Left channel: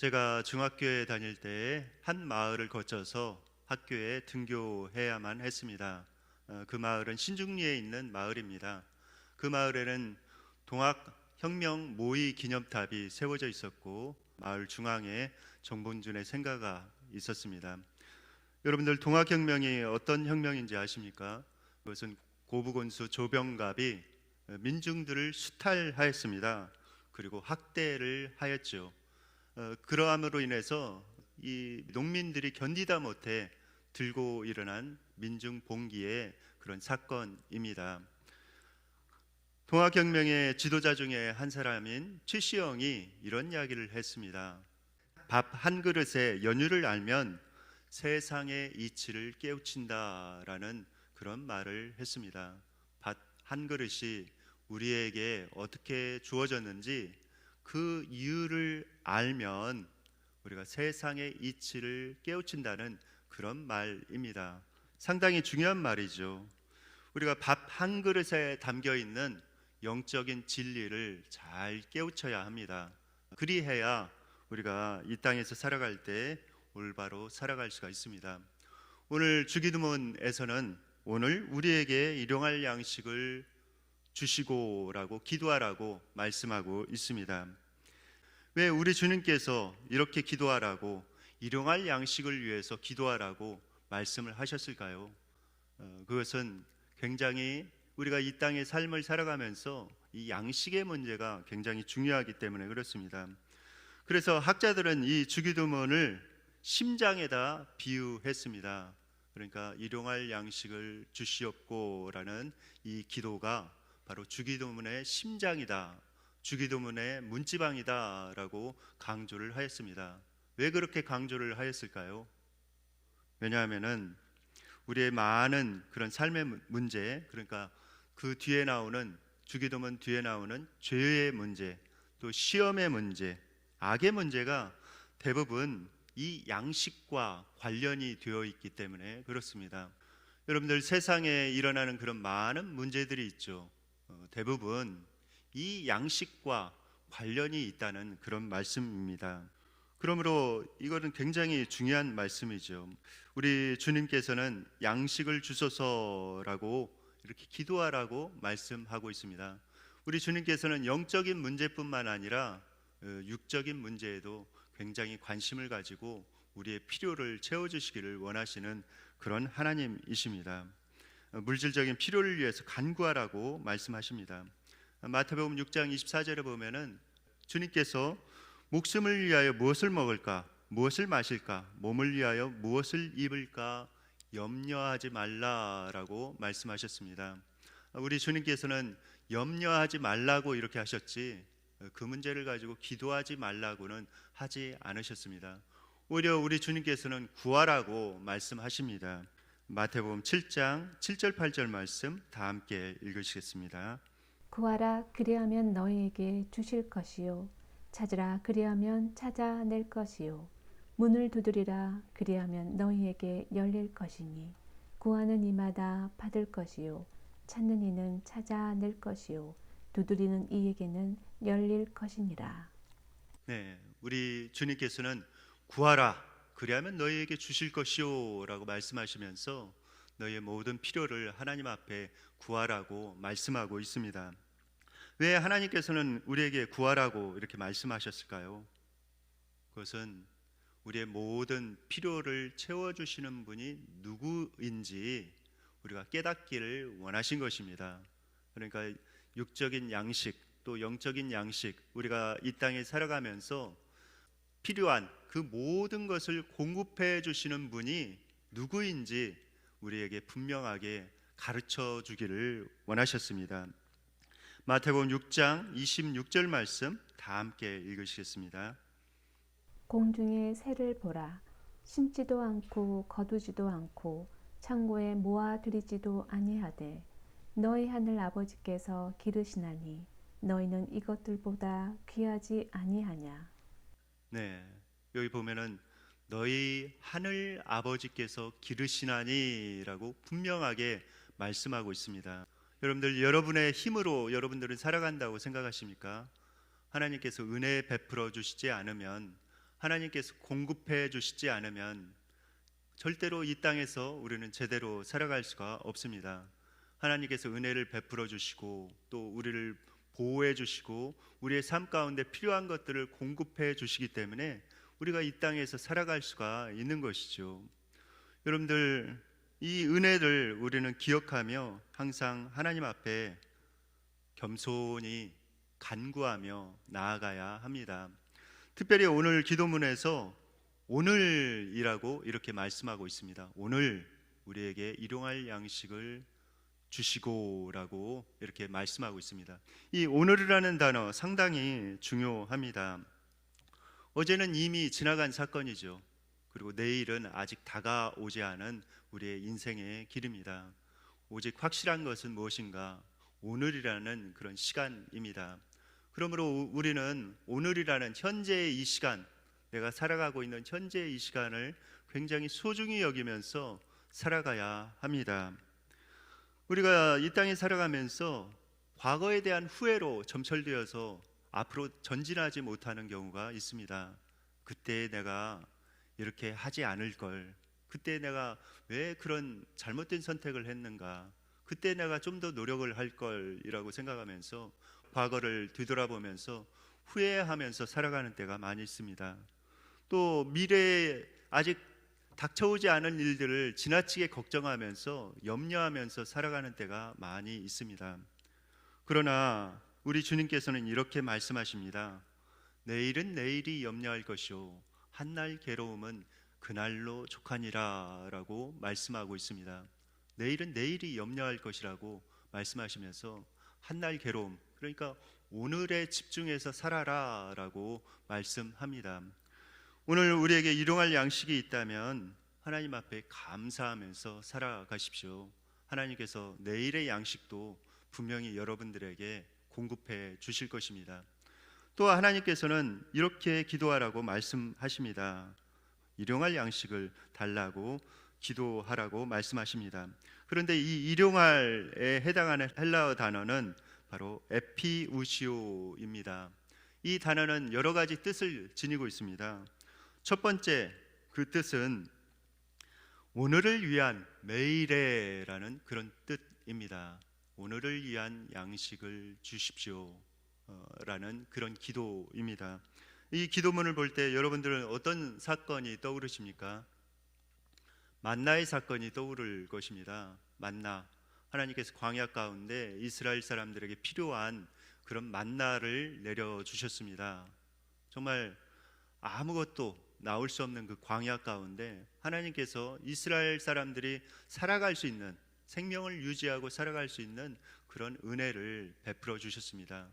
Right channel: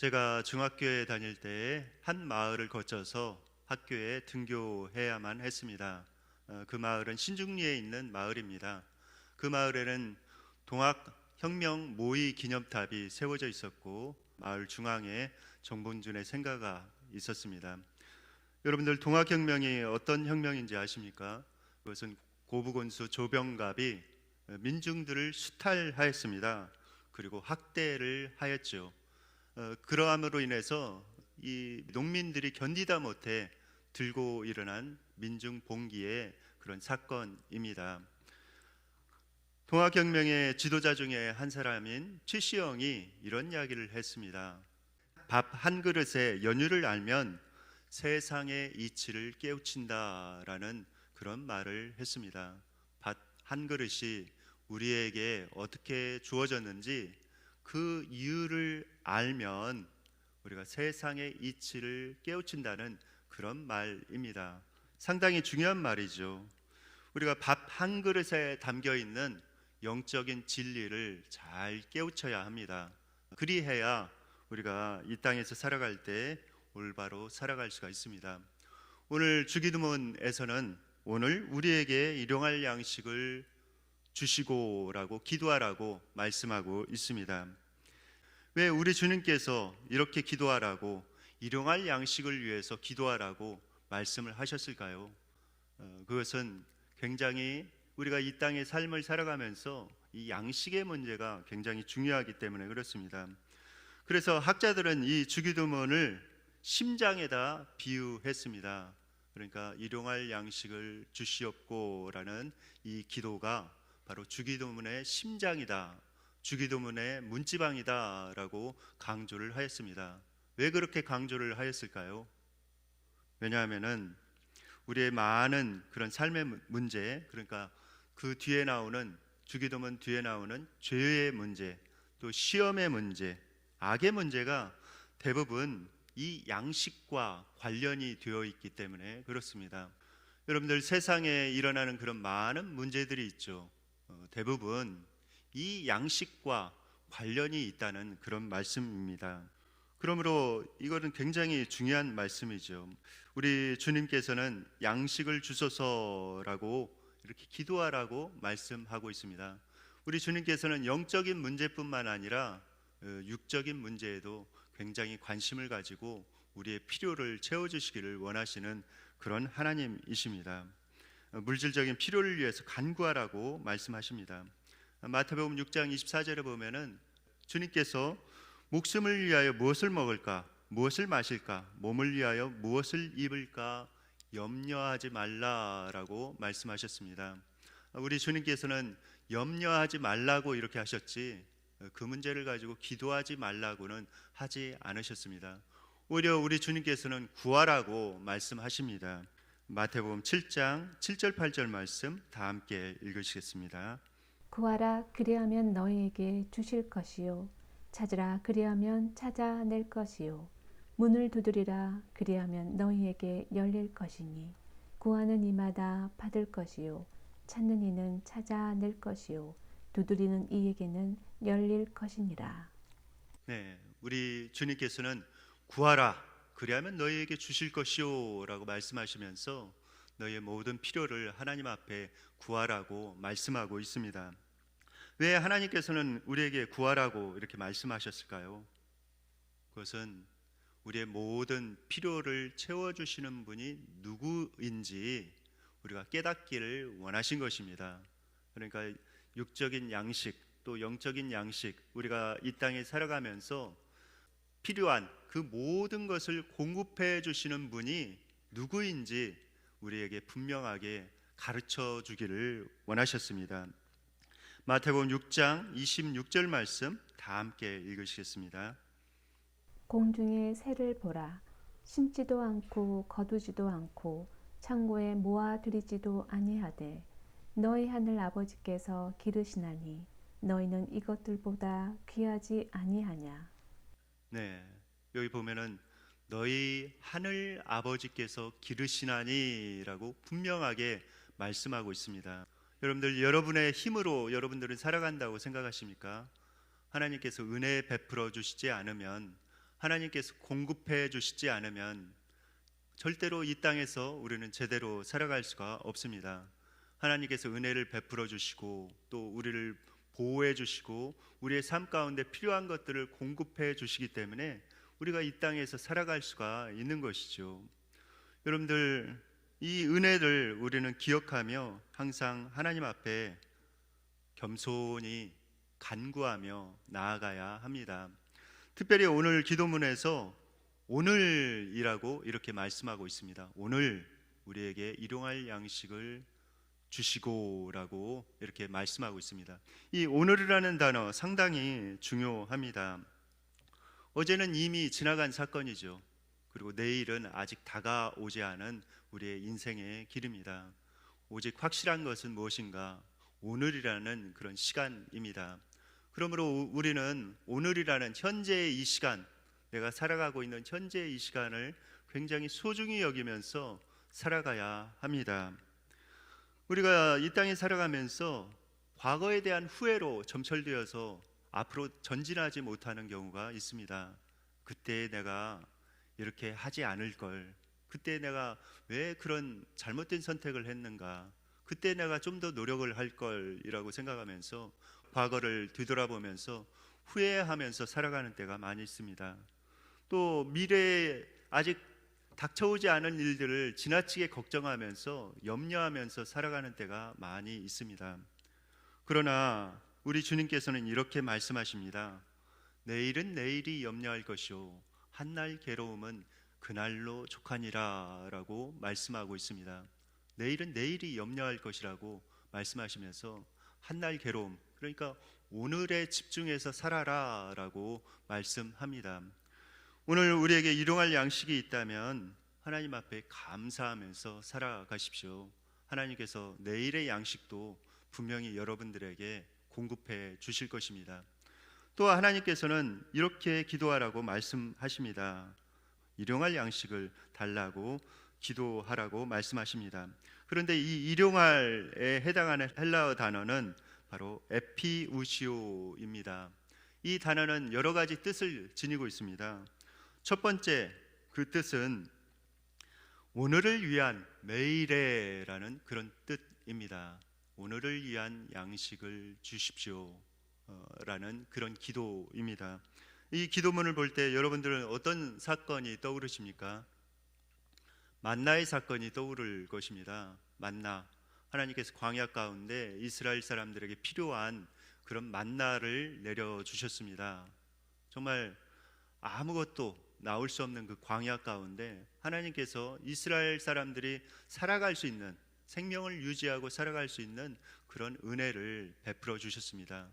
제가 중학교에 다닐 때 한 마을을 거쳐서 학교에 등교해야만 했습니다. 그 마을은 신중리에 있는 마을입니다. 그 마을에는 동학혁명 모의 기념탑이 세워져 있었고 마을 중앙에 정본준의 생가가 있었습니다. 여러분들 동학혁명이 어떤 혁명인지 아십니까? 그것은 고부군수 조병갑이 민중들을 수탈하였습니다. 그리고 학대를 하였죠. 그러함으로 인해서 이 농민들이 견디다 못해 들고 일어난 민중 봉기의 그런 사건입니다. 동학혁명의 지도자 중에 한 사람인 최시영이 이런 이야기를 했습니다. 밥 한 그릇에 연유를 알면 세상의 이치를 깨우친다라는 그런 말을 했습니다. 밥 한 그릇이 우리에게 어떻게 주어졌는지 그 이유를 알면 우리가 세상의 이치를 깨우친다는 그런 말입니다. 상당히 중요한 말이죠. 우리가 밥 한 그릇에 담겨 있는 영적인 진리를 잘 깨우쳐야 합니다. 그리해야 우리가 이 땅에서 살아갈 때 올바로 살아갈 수가 있습니다. 오늘 주기도문에서는 오늘 우리에게 일용할 양식을 주시고라고 기도하라고 말씀하고 있습니다. 왜 우리 주님께서 이렇게 기도하라고 일용할 양식을 위해서 기도하라고 말씀을 하셨을까요? 그것은 굉장히 우리가 이 땅의 삶을 살아가면서 이 양식의 문제가 굉장히 중요하기 때문에 그렇습니다. 그래서 학자들은 이 주기도문을 심장에다 비유했습니다. 그러니까 일용할 양식을 주시옵고라는 이 기도가 바로 주기도문의 심장이다, 주기도문의 문지방이다 라고 강조를 하였습니다. 왜 그렇게 강조를 하였을까요? 왜냐하면 우리의 많은 그런 삶의 문제, 그러니까 그 뒤에 나오는 주기도문 뒤에 나오는 죄의 문제, 또 시험의 문제, 악의 문제가 대부분 이 양식과 관련이 되어 있기 때문에 그렇습니다. 여러분들 세상에 일어나는 그런 많은 문제들이 있죠. 대부분 이 양식과 관련이 있다는 그런 말씀입니다. 그러므로 이거는 굉장히 중요한 말씀이죠. 우리 주님께서는 양식을 주소서라고 이렇게 기도하라고 말씀하고 있습니다. 우리 주님께서는 영적인 문제뿐만 아니라 육적인 문제에도 굉장히 관심을 가지고 우리의 필요를 채워주시기를 원하시는 그런 하나님이십니다. 물질적인 필요를 위해서 간구하라고 말씀하십니다. 마태복음 6장 24절에 보면은 주님께서 목숨을 위하여 무엇을 먹을까, 무엇을 마실까, 몸을 위하여 무엇을 입을까 염려하지 말라라고 말씀하셨습니다. 우리 주님께서는 염려하지 말라고 이렇게 하셨지 그 문제를 가지고 기도하지 말라고는 하지 않으셨습니다. 오히려 우리 주님께서는 구하라고 말씀하십니다. 마태복음 7장 7절 8절 말씀 다 함께 읽으시겠습니다. 구하라 그리하면 너희에게 주실 것이요 찾으라 그리하면 찾아낼 것이요 문을 두드리라 그리하면 너희에게 열릴 것이니 구하는 이마다 받을 것이요 찾는 이는 찾아낼 것이요 두드리는 이에게는 열릴 것이니라. 네, 우리 주님께서는 구하라 그리하면 너희에게 주실 것이요 라고 말씀하시면서 너희의 모든 필요를 하나님 앞에 구하라고 말씀하고 있습니다. 왜 하나님께서는 우리에게 구하라고 이렇게 말씀하셨을까요? 그것은 우리의 모든 필요를 채워주시는 분이 누구인지 우리가 깨닫기를 원하신 것입니다. 그러니까 육적인 양식 또 영적인 양식, 우리가 이 땅에 살아가면서 필요한 그 모든 것을 공급해 주시는 분이 누구인지 우리에게 분명하게 가르쳐 주기를 원하셨습니다. 마태복음 6장 26절 말씀 다 함께 읽으시겠습니다. 공중의 새를 보라. 심지도 않고 거두지도 않고 창고에 모아들이지도 아니하되 너희 하늘 아버지께서 기르시나니 너희는 이것들보다 귀하지 아니하냐. 네, 여기 보면은 너희 하늘 아버지께서 기르시나니라고 분명하게 말씀하고 있습니다. 여러분들, 여러분의 힘으로 여러분들은 살아간다고 생각하십니까? 하나님께서 은혜 베풀어 주시지 않으면 하나님께서 공급해 주시지 않으면 절대로 이 땅에서 우리는 제대로 살아갈 수가 없습니다. 하나님께서 은혜를 베풀어 주시고 또 우리를 보호해 주시고 우리의 삶 가운데 필요한 것들을 공급해 주시기 때문에 우리가 이 땅에서 살아갈 수가 있는 것이죠. 여러분들, 이 은혜를 우리는 기억하며 항상 하나님 앞에 겸손히 간구하며 나아가야 합니다. 특별히 오늘 기도문에서 오늘이라고 이렇게 말씀하고 있습니다. 오늘 우리에게 일용할 양식을 주시고라고 이렇게 말씀하고 있습니다. 이 오늘이라는 단어 상당히 중요합니다. 어제는 이미 지나간 사건이죠. 그리고 내일은 아직 다가오지 않은 우리의 인생의 길입니다. 오직 확실한 것은 무엇인가? 오늘이라는 그런 시간입니다. 그러므로 우리는 오늘이라는 현재의 이 시간, 내가 살아가고 있는 현재의 이 시간을 굉장히 소중히 여기면서 살아가야 합니다. 우리가 이 땅에 살아가면서 과거에 대한 후회로 점철되어서 앞으로 전진하지 못하는 경우가 있습니다. 그때 내가 이렇게 하지 않을 걸, 그때 내가 왜 그런 잘못된 선택을 했는가, 그때 내가 좀 더 노력을 할 걸이라고 생각하면서 과거를 뒤돌아보면서 후회하면서 살아가는 때가 많이 있습니다. 또 미래에 아직 닥쳐오지 않은 일들을 지나치게 걱정하면서 염려하면서 살아가는 때가 많이 있습니다. 그러나 우리 주님께서는 이렇게 말씀하십니다. 내일은 내일이 염려할 것이요 한날 괴로움은 그날로 족하니라 라고 말씀하고 있습니다. 내일은 내일이 염려할 것이라고 말씀하시면서 한날 괴로움, 그러니까 오늘에 집중해서 살아라 라고 말씀합니다. 오늘 우리에게 일용할 양식이 있다면 하나님 앞에 감사하면서 살아가십시오. 하나님께서 내일의 양식도 분명히 여러분들에게 공급해 주실 것입니다. 또 하나님께서는 이렇게 기도하라고 말씀하십니다. 일용할 양식을 달라고 기도하라고 말씀하십니다. 그런데 이 일용할에 해당하는 헬라어 단어는 바로 에피우시오입니다. 이 단어는 여러 가지 뜻을 지니고 있습니다. 첫 번째 그 뜻은 오늘을 위한 매일에라는 그런 뜻입니다. 오늘을 위한 양식을 주십시오 라는 그런 기도입니다. 이 기도문을 볼 때 여러분들은 어떤 사건이 떠오르십니까? 만나의 사건이 떠오를 것입니다. 만나, 하나님께서 광야 가운데 이스라엘 사람들에게 필요한 그런 만나를 내려주셨습니다. 정말 아무것도 나올 수 없는 그 광야 가운데 하나님께서 이스라엘 사람들이 살아갈 수 있는, 생명을 유지하고 살아갈 수 있는 그런 은혜를 베풀어 주셨습니다.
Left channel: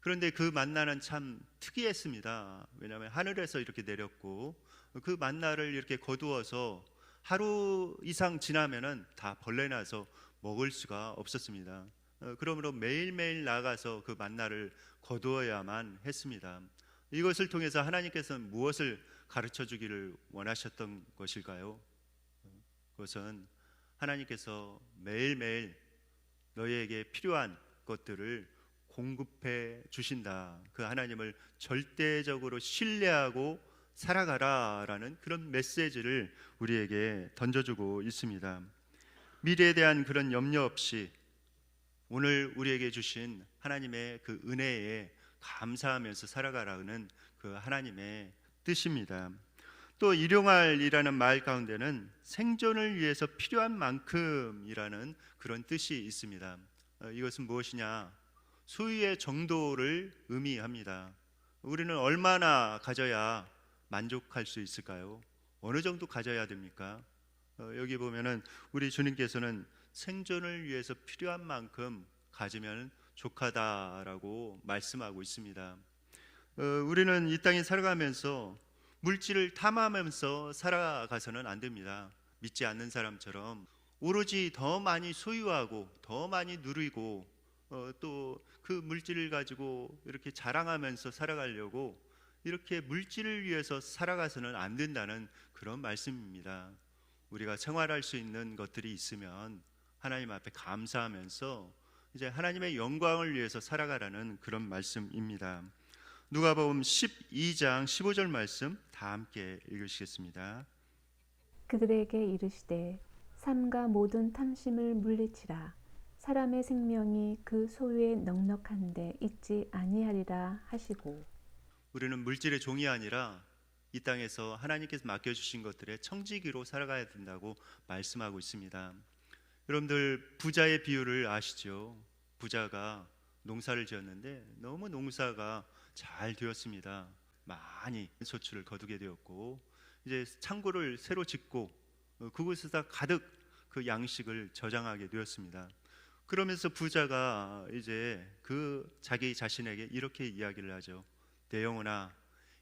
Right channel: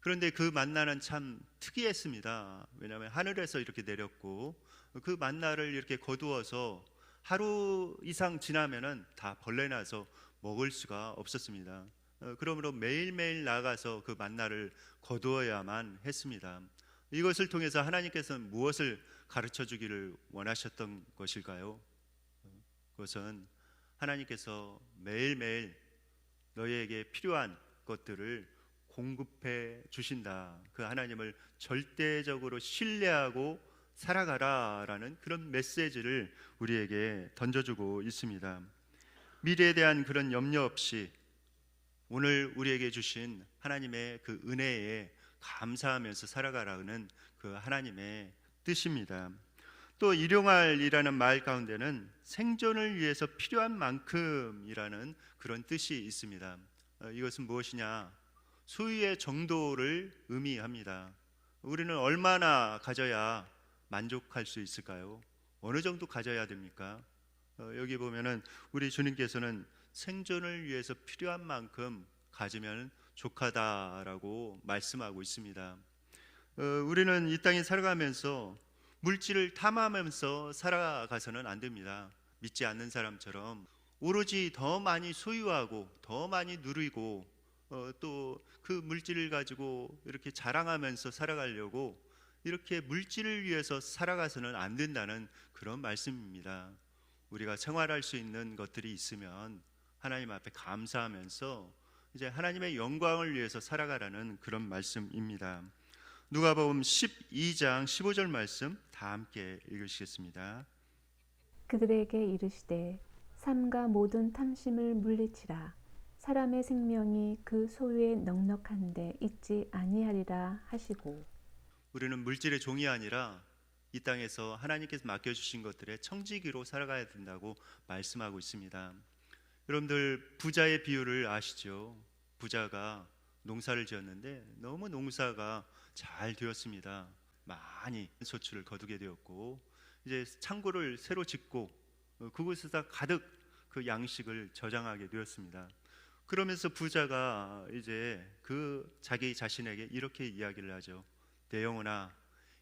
그런데 그 만나는 참 특이했습니다. 왜냐하면 하늘에서 이렇게 내렸고 그 만나를 이렇게 거두어서 하루 이상 지나면은 다 벌레 나서 먹을 수가 없었습니다. 그러므로 매일매일 나가서 그 만나를 거두어야만 했습니다. 이것을 통해서 하나님께서는 무엇을 가르쳐 주기를 원하셨던 것일까요? 그것은 하나님께서 매일매일 너희에게 필요한 것들을 공급해 주신다. 그 하나님을 절대적으로 신뢰하고 살아가라라는 그런 메시지를 우리에게 던져주고 있습니다. 미래에 대한 그런 염려 없이 오늘 우리에게 주신 하나님의 그 은혜에 감사하면서 살아가라는 그 하나님의 뜻입니다. 또 일용할이라는 말 가운데는 생존을 위해서 필요한 만큼이라는 그런 뜻이 있습니다. 이것은 무엇이냐? 소유의 정도를 의미합니다. 우리는 얼마나 가져야 만족할 수 있을까요? 어느 정도 가져야 됩니까? 여기 보면은 우리 주님께서는 생존을 위해서 필요한 만큼 가지면 족하다라고 말씀하고 있습니다. 우리는 이 땅에 살아가면서 물질을 탐하면서 살아가서는 안 됩니다. 믿지 않는 사람처럼 오로지 더 많이 소유하고 더 많이 누리고 또 그 물질을 가지고 이렇게 자랑하면서 살아가려고 이렇게 물질을 위해서 살아가서는 안 된다는 그런 말씀입니다. 우리가 생활할 수 있는 것들이 있으면 하나님 앞에 감사하면서 이제 하나님의 영광을 위해서 살아가라는 그런 말씀입니다. 누가복음 12장 15절 말씀 다 함께 읽으시겠습니다. 그들에게 이르시되 삼가 모든 탐심을 물리치라. 사람의 생명이 그 소유에 넉넉한데 있지 아니하리라 하시고. 우리는 물질의 종이 아니라 이 땅에서 하나님께서 맡겨주신 것들의 청지기로 살아가야 된다고 말씀하고 있습니다. 여러분들 부자의 비유를 아시죠? 부자가 농사를 지었는데 너무 농사가 잘 되었습니다. 많이 소출을 거두게 되었고 이제 창고를 새로 짓고 그곳에다 가득 그 양식을 저장하게 되었습니다. 그러면서 부자가 이제 그 자기 자신에게 이렇게 이야기를 하죠. 내 영혼아,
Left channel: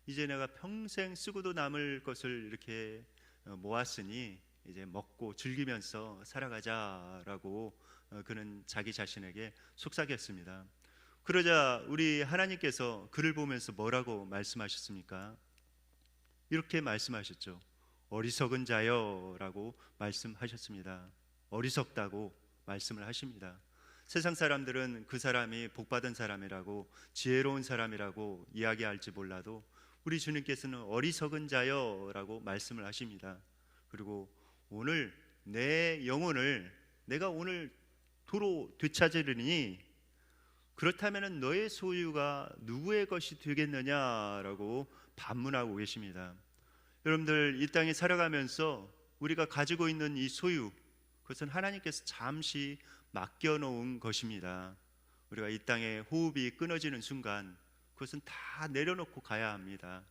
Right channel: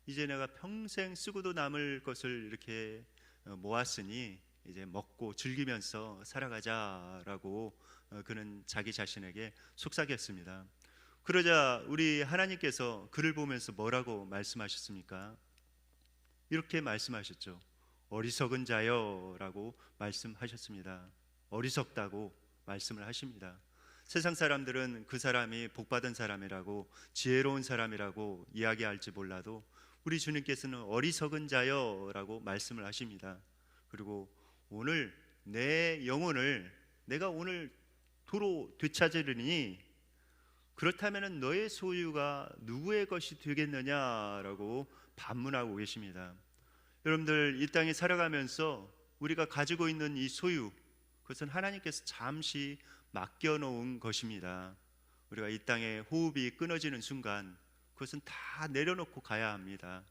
이제 내가 평생 쓰고도 남을 것을 이렇게 모았으니 이제 먹고 즐기면서 살아가자라고 그는 자기 자신에게 속삭였습니다. 그러자 우리 하나님께서 그를 보면서 뭐라고 말씀하셨습니까? 이렇게 말씀하셨죠. 어리석은 자여라고 말씀하셨습니다. 어리석다고 말씀을 하십니다. 세상 사람들은 그 사람이 복받은 사람이라고 지혜로운 사람이라고 이야기할지 몰라도 우리 주님께서는 어리석은 자여라고 말씀을 하십니다. 그리고 오늘 내 영혼을 내가 오늘 도로 되찾으리니 그렇다면 너의 소유가 누구의 것이 되겠느냐라고 반문하고 계십니다. 여러분들 이 땅에 살아가면서 우리가 가지고 있는 이 소유, 그것은 하나님께서 잠시 맡겨놓은 것입니다. 우리가 이 땅에 호흡이 끊어지는 순간 그것은 다 내려놓고 가야 합니다.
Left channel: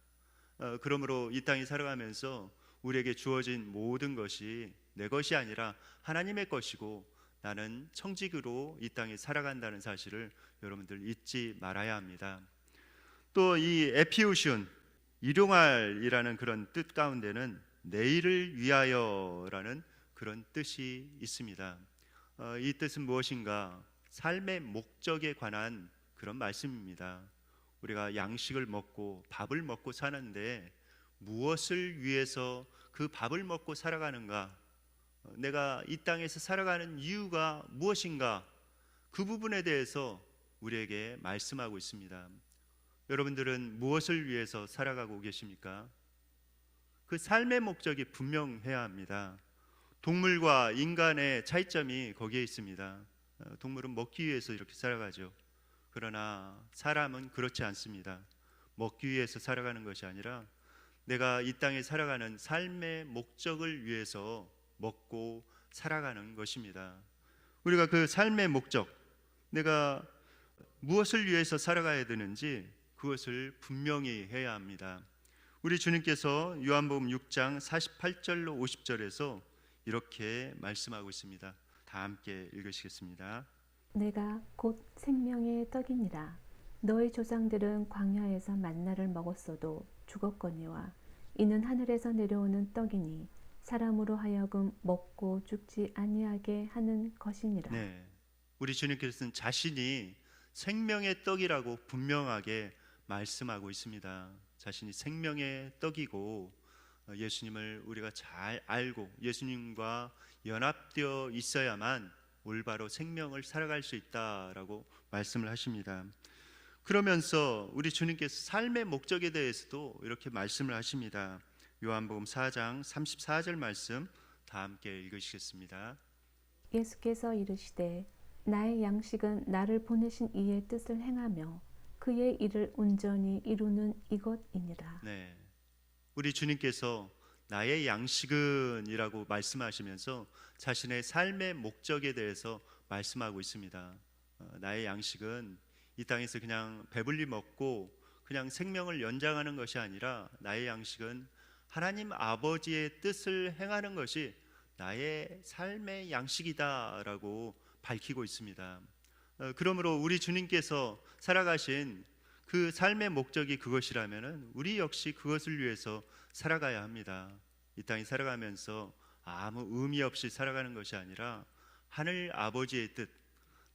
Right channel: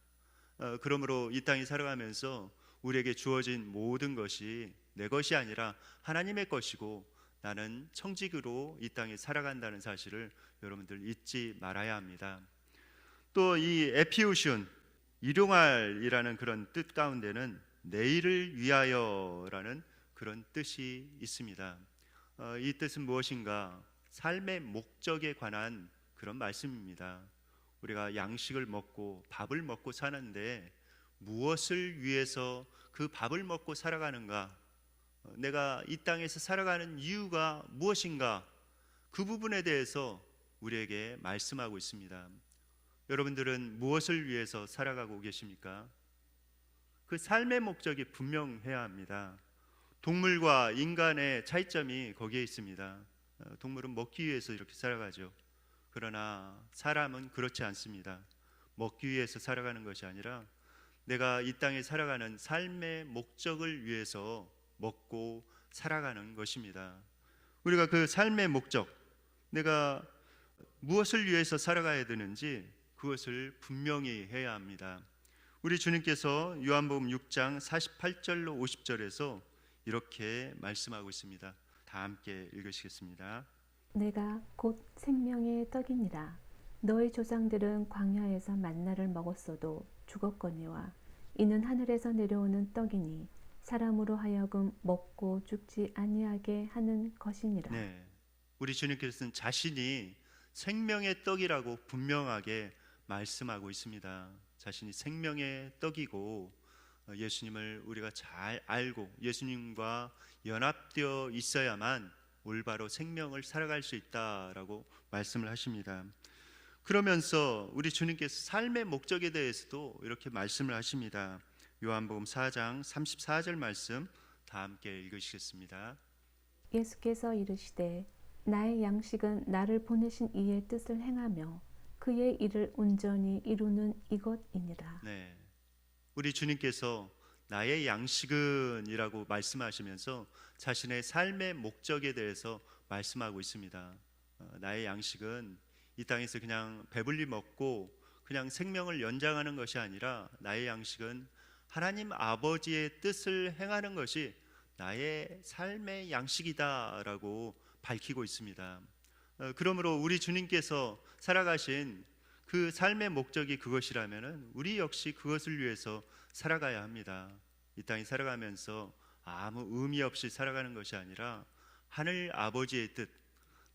그러므로 이 땅에 살아가면서 우리에게 주어진 모든 것이 내 것이 아니라 하나님의 것이고 나는 청지기로 이 땅에 살아간다는 사실을 여러분들 잊지 말아야 합니다. 또 이 에피우슌, 일용할이라는 그런 뜻 가운데는 내일을 위하여라는 그런 뜻이 있습니다. 이 뜻은 무엇인가? 삶의 목적에 관한 그런 말씀입니다. 우리가 양식을 먹고 밥을 먹고 사는데 무엇을 위해서 그 밥을 먹고 살아가는가? 내가 이 땅에서 살아가는 이유가 무엇인가? 그 부분에 대해서 우리에게 말씀하고 있습니다. 여러분들은 무엇을 위해서 살아가고 계십니까? 그 삶의 목적이 분명해야 합니다. 동물과 인간의 차이점이 거기에 있습니다. 동물은 먹기 위해서 이렇게 살아가죠. 그러나 사람은 그렇지 않습니다. 먹기 위해서 살아가는 것이 아니라 내가 이 땅에 살아가는 삶의 목적을 위해서 먹고 살아가는 것입니다. 우리가 그 삶의 목적, 내가 무엇을 위해서 살아가야 되는지 그것을 분명히 해야 합니다. 우리 주님께서 요한복음 6장 48절로 50절에서 이렇게 말씀하고 있습니다. 다 함께 읽으시겠습니다. 내가 곧 생명의 떡이니라. 너희 조상들은 광야에서 만나를 먹었어도 죽었거니와 이는 하늘에서 내려오는 떡이니 사람으로 하여금 먹고 죽지 아니하게 하는 것이니라. 네, 우리 주님께서는 자신이 생명의 떡이라고 분명하게 말씀하고 있습니다. 자신이 생명의 떡이고 예수님을 우리가 잘 알고 예수님과 연합되어 있어야만 올바로 생명을 살아갈 수 있다라고 말씀을 하십니다. 그러면서 우리 주님께서 삶의 목적에 대해서도 이렇게 말씀을 하십니다. 요한복음 4장 34절 말씀 다 함께 읽으시겠습니다. 예수께서 이르시되 나의 양식은 나를 보내신 이의 뜻을 행하며 그의 일을 온전히 이루는 이것이니라. 네, 우리 주님께서 나의 양식은 이라고 말씀하시면서 자신의 삶의 목적에 대해서 말씀하고 있습니다. 나의 양식은 이 땅에서 그냥 배불리 먹고 그냥 생명을 연장하는 것이 아니라 나의 양식은 하나님 아버지의 뜻을 행하는 것이 나의 삶의 양식이다라고 밝히고 있습니다. 그러므로 우리 주님께서 살아가신 그 삶의 목적이 그것이라면 우리 역시 그것을 위해서 살아가야 합니다. 이 땅에 살아가면서 아무 의미 없이 살아가는 것이 아니라 하늘 아버지의 뜻,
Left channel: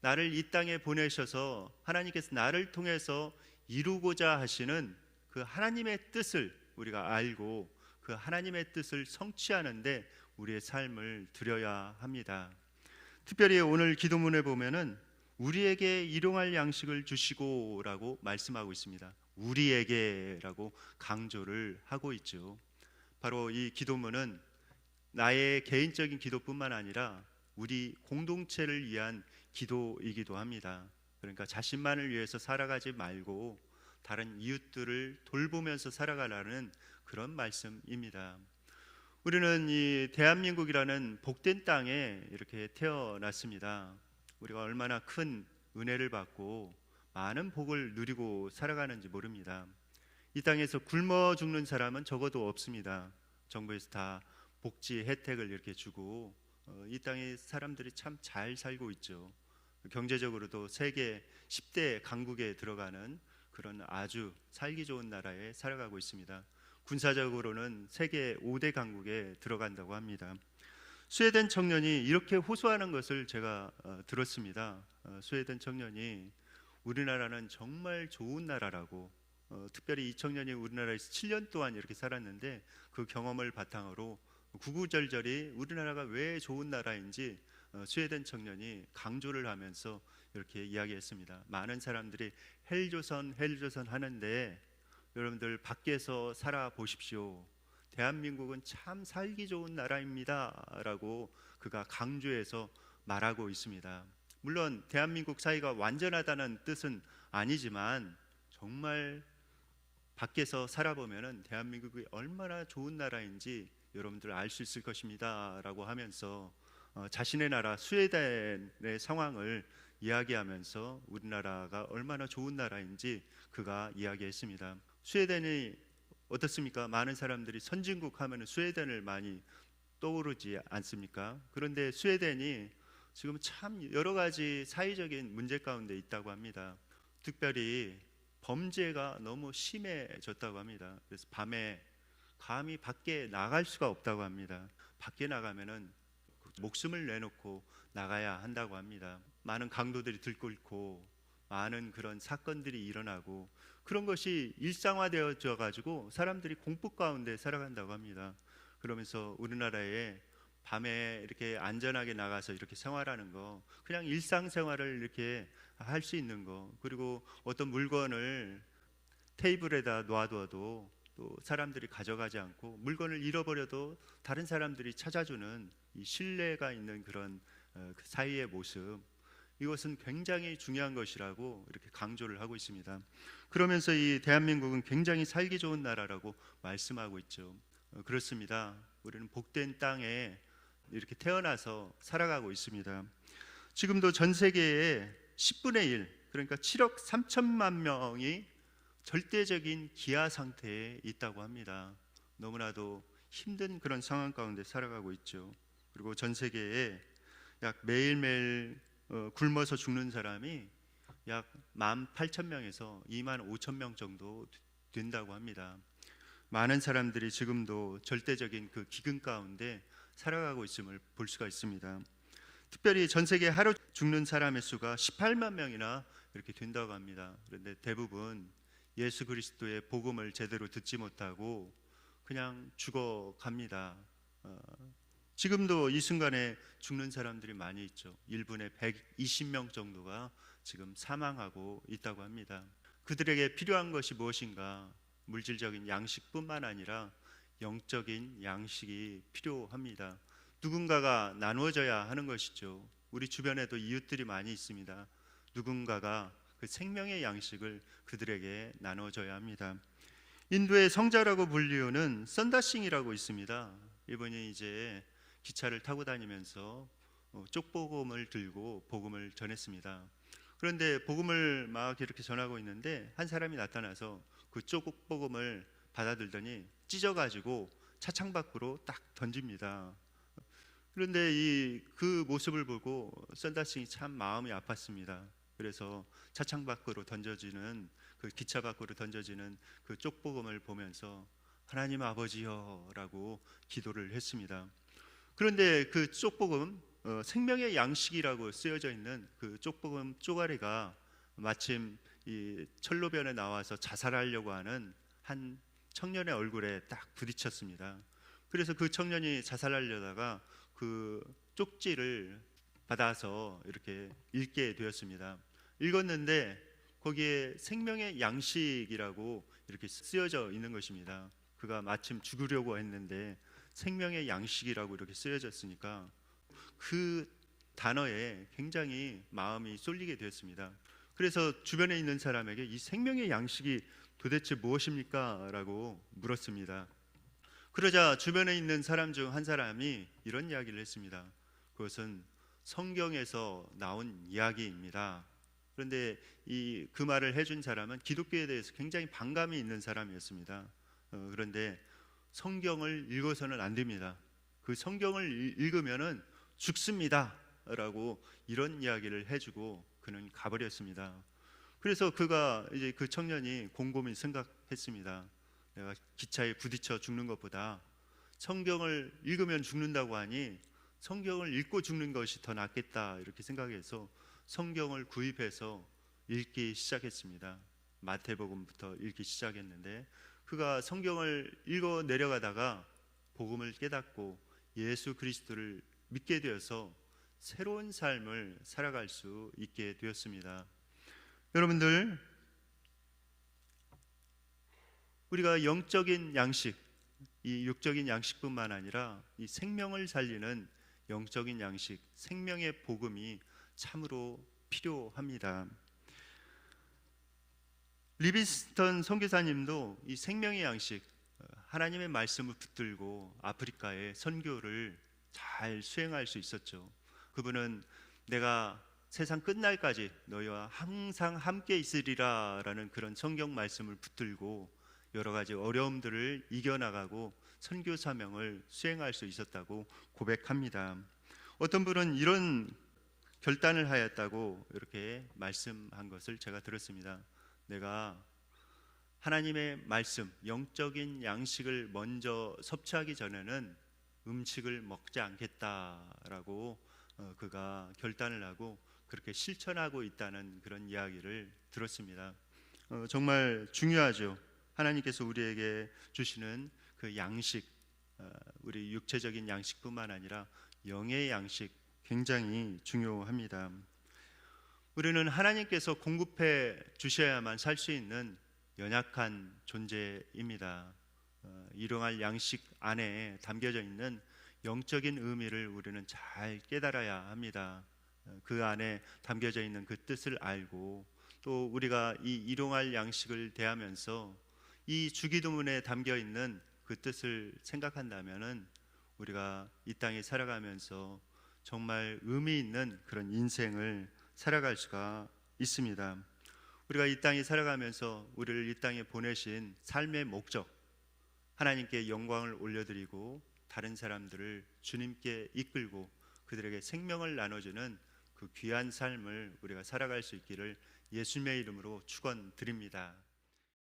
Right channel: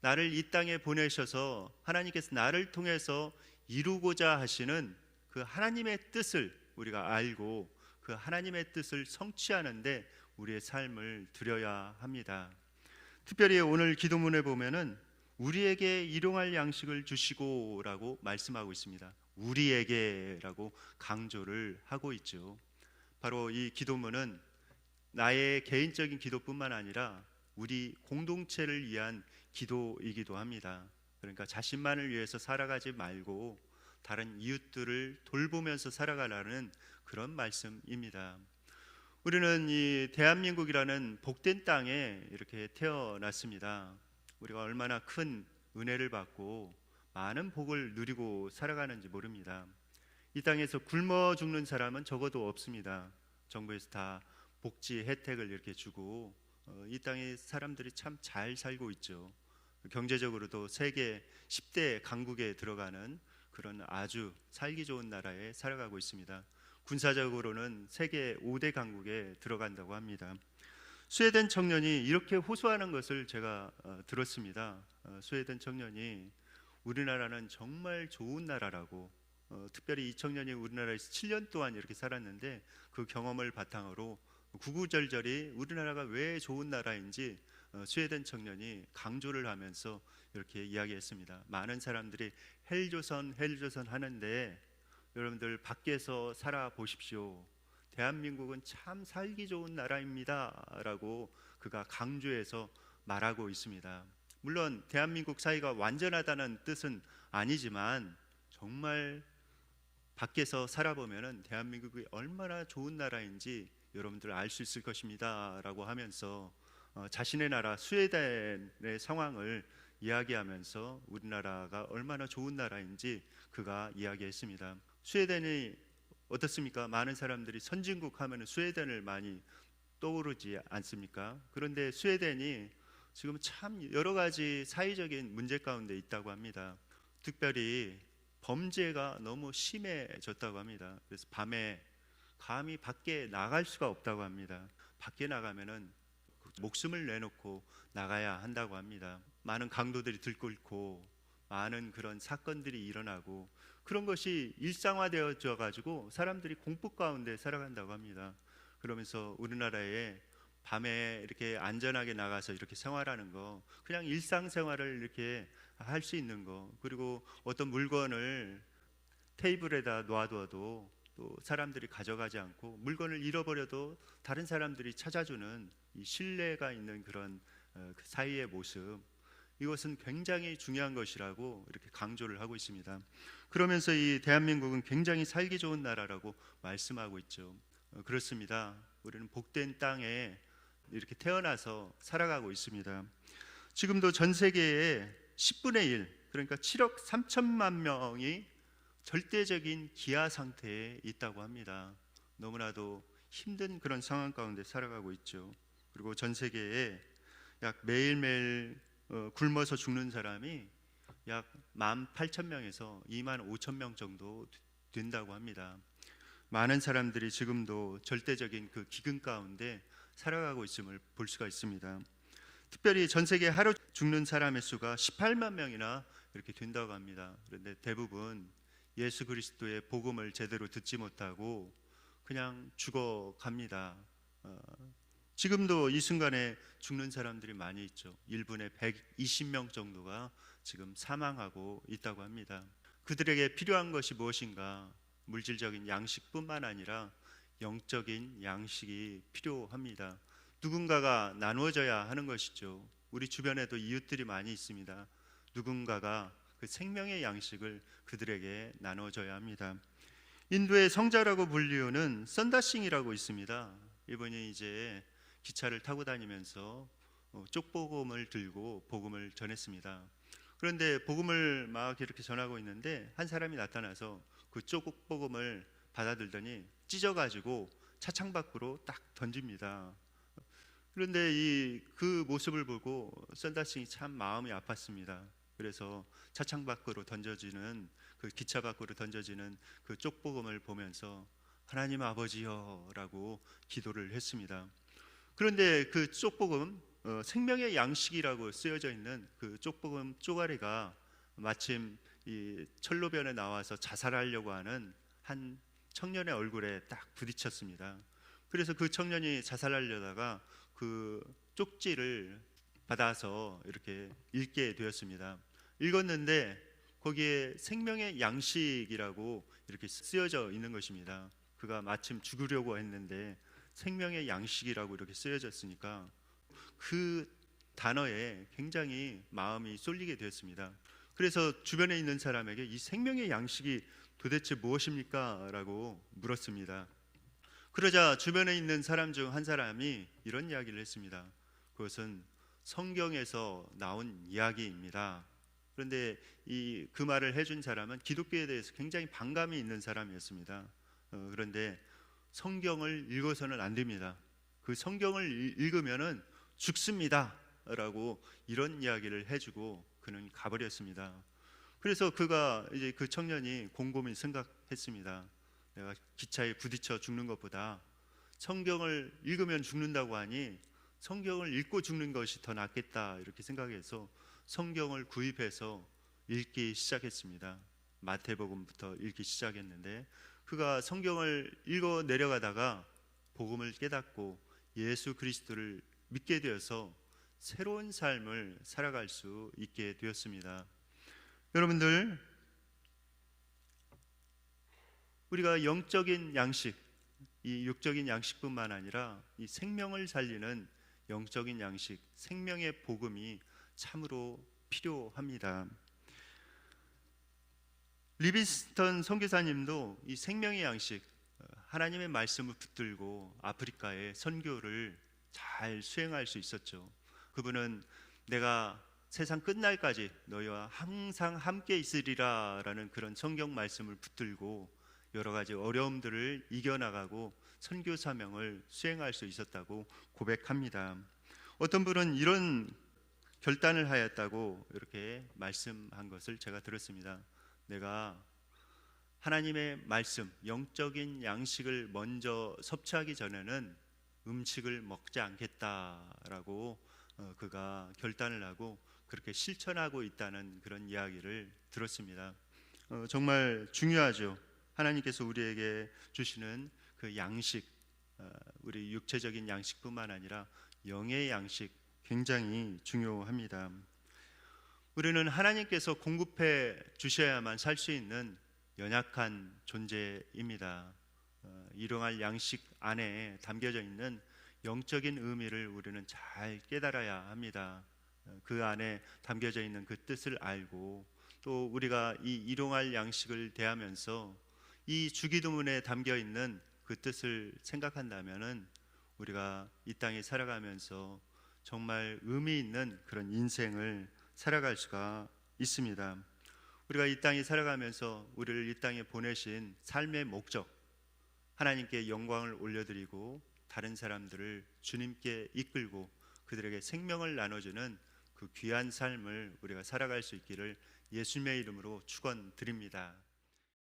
나를 이 땅에 보내셔서 하나님께서 나를 통해서 이루고자 하시는 그 하나님의 뜻을 우리가 알고 그 하나님의 뜻을 성취하는데 우리의 삶을 드려야 합니다. 특별히 오늘 기도문에 보면은 우리에게 일용할 양식을 주시고라고 말씀하고 있습니다. 우리에게라고 강조를 하고 있죠. 바로 이 기도문은 나의 개인적인 기도뿐만 아니라 우리 공동체를 위한 기도이기도 합니다. 그러니까 자신만을 위해서 살아가지 말고 다른 이웃들을 돌보면서 살아가라는 그런 말씀입니다. 우리는 이 대한민국이라는 복된 땅에 이렇게 태어났습니다. 우리가 얼마나 큰 은혜를 받고 많은 복을 누리고 살아가는지 모릅니다. 이 땅에서 굶어 죽는 사람은 적어도 없습니다. 정부에서 다 복지 혜택을 이렇게 주고 이 땅의 사람들이 참 잘 살고 있죠. 경제적으로도 세계 10대 강국에 들어가는 그런 아주 살기 좋은 나라에 살아가고 있습니다. 군사적으로는 세계 5대 강국에 들어간다고 합니다. 스웨덴 청년이 이렇게 호소하는 것을 제가 들었습니다. 스웨덴 청년이 우리나라는 정말 좋은 나라라고, 특별히 이 청년이 우리나라에서 7년 동안 이렇게 살았는데 그 경험을 바탕으로 구구절절히 우리나라가 왜 좋은 나라인지 스웨덴 청년이 강조를 하면서 이렇게 이야기했습니다. 많은 사람들이 헬조선 하는데 여러분들 밖에서 살아보십시오. 대한민국은 참 살기 좋은 나라입니다 라고 그가 강조해서 말하고 있습니다. 물론 대한민국 사회가 완전하다는 뜻은 아니지만 정말 밖에서 살아보면 대한민국이 얼마나 좋은 나라인지 여러분들 알 수 있을 것입니다 라고 하면서 자신의 나라 스웨덴의 상황을 이야기하면서 우리나라가 얼마나 좋은 나라인지 그가 이야기했습니다. 스웨덴이 어떻습니까? 많은 사람들이 선진국 하면 스웨덴을 많이 떠오르지 않습니까? 그런데 스웨덴이 지금 참 여러 가지 사회적인 문제 가운데 있다고 합니다. 특별히 범죄가 너무 심해졌다고 합니다. 그래서 밤에 감히 밖에 나갈 수가 없다고 합니다. 밖에 나가면은 목숨을 내놓고 나가야 한다고 합니다. 많은 강도들이 들끓고 많은 그런 사건들이 일어나고 그런 것이 일상화되어져 가지고 사람들이 공포 가운데 살아간다고 합니다. 그러면서 우리나라에 밤에 이렇게 안전하게 나가서 이렇게 생활하는 거, 그냥 일상생활을 이렇게 할 수 있는 거, 그리고 어떤 물건을 테이블에다 놔둬도 또 사람들이 가져가지 않고 물건을 잃어버려도 다른 사람들이 찾아주는 이 신뢰가 있는 그런 사회의 모습, 이것은 굉장히 중요한 것이라고 이렇게 강조를 하고 있습니다. 그러면서 이 대한민국은 굉장히 살기 좋은 나라라고 말씀하고 있죠. 그렇습니다. 우리는 복된 땅에 이렇게 태어나서 살아가고 있습니다. 지금도 전 세계에 10분의 1, 그러니까 7억 3천만 명이 절대적인 기아 상태에 있다고 합니다. 너무나도 힘든 그런 상황 가운데 살아가고 있죠. 그리고 전 세계에 약 매일매일 굶어서 죽는 사람이 약 18,000명에서 25,000명 정도 된다고 합니다. 많은 사람들이 지금도 절대적인 그 기근 가운데 살아가고 있음을 볼 수가 있습니다. 특별히 전 세계 하루 죽는 사람의 수가 18만 명이나 이렇게 된다고 합니다. 그런데 대부분 예수 그리스도의 복음을 제대로 듣지 못하고 그냥 죽어갑니다. 지금도 이 순간에 죽는 사람들이 많이 있죠. 1분에 120명 정도가 지금 사망하고 있다고 합니다. 그들에게 필요한 것이 무엇인가? 물질적인 양식뿐만 아니라 영적인 양식이 필요합니다. 누군가가 나누어져야 하는 것이죠. 우리 주변에도 이웃들이 많이 있습니다. 누군가가 그 생명의 양식을 그들에게 나눠줘야 합니다. 인도의 성자라고 불리우는 썬다싱이라고 있습니다. 이분이 이제 기차를 타고 다니면서 쪽복음을 들고 복음을 전했습니다. 그런데 복음을 막 이렇게 전하고 있는데 한 사람이 나타나서 그 쪽복음을 받아들더니 찢어가지고 차창 밖으로 딱 던집니다. 그런데 그 모습을 보고 썬다싱이 참 마음이 아팠습니다. 그래서 차창 밖으로 던져지는 그 기차 밖으로 던져지는 그 쪽복음을 보면서 하나님 아버지여라고 기도를 했습니다. 그런데 그 쪽복음 생명의 양식이라고 쓰여져 있는 그 쪽복음 쪼가리가 마침 이 철로변에 나와서 자살하려고 하는 한 청년의 얼굴에 딱 부딪혔습니다. 그래서 그 청년이 자살하려다가 그 쪽지를 받아서 이렇게 읽게 되었습니다. 읽었는데 거기에 생명의 양식이라고 이렇게 쓰여져 있는 것입니다. 그가 마침 죽으려고 했는데 생명의 양식이라고 이렇게 쓰여졌으니까 그 단어에 굉장히 마음이 쏠리게 되었습니다. 그래서 주변에 있는 사람에게 이 생명의 양식이 도대체 무엇입니까? 라고 물었습니다. 그러자 주변에 있는 사람 중 한 사람이 이런 이야기를 했습니다. 그것은 성경에서 나온 이야기입니다. 그런데 그 말을 해준 사람은 기독교에 대해서 굉장히 반감이 있는 사람이었습니다. 그런데 성경을 읽어서는 안 됩니다. 그 성경을 읽으면은 죽습니다. 라고 이런 이야기를 해주고 그는 가버렸습니다. 그래서 이제 그 청년이 곰곰이 생각했습니다. 내가 기차에 부딪혀 죽는 것보다 성경을 읽으면 죽는다고 하니 성경을 읽고 죽는 것이 더 낫겠다 이렇게 생각해서 성경을 구입해서 읽기 시작했습니다. 마태복음부터 읽기 시작했는데 그가 성경을 읽어 내려가다가 복음을 깨닫고 예수 그리스도를 믿게 되어서 새로운 삶을 살아갈 수 있게 되었습니다. 여러분들, 우리가 영적인 양식, 이 육적인 양식뿐만 아니라 이 생명을 살리는 영적인 양식, 생명의 복음이 참으로 필요합니다. 리비스턴 선교사님도 이 생명의 양식, 하나님의 말씀을 붙들고 아프리카에 선교를 잘 수행할 수 있었죠. 그분은 내가 세상 끝날까지 너희와 항상 함께 있으리라 라는 그런 성경 말씀을 붙들고 여러 가지 어려움들을 이겨나가고 선교 사명을 수행할 수 있었다고 고백합니다. 어떤 분은 이런 결단을 하였다고 이렇게 말씀한 것을 제가 들었습니다. 내가 하나님의 말씀, 영적인 양식을 먼저 섭취하기 전에는 음식을 먹지 않겠다라고 그가 결단을 하고 그렇게 실천하고 있다는 그런 이야기를 들었습니다. 정말 중요하죠. 하나님께서 우리에게 주시는 그 양식, 우리 육체적인 양식뿐만 아니라 영의 양식 굉장히 중요합니다. 우리는 하나님께서 공급해 주셔야만 살 수 있는 연약한 존재입니다. 일용할 양식 안에 담겨져 있는 영적인 의미를 우리는 잘 깨달아야 합니다. 그 안에 담겨져 있는 그 뜻을 알고 또 우리가 이 일용할 양식을 대하면서 이 주기도문에 담겨 있는 그 뜻을 생각한다면은 우리가 이 땅에 살아가면서 정말 의미 있는 그런 인생을 살아갈 수가 있습니다. 우리가 이 땅에 살아가면서 우리를 이 땅에 보내신 삶의 목적, 하나님께 영광을 올려드리고 다른 사람들을 주님께 이끌고 그들에게 생명을 나눠주는 그 귀한 삶을 우리가 살아갈 수 있기를 예수님의 이름으로 축원드립니다.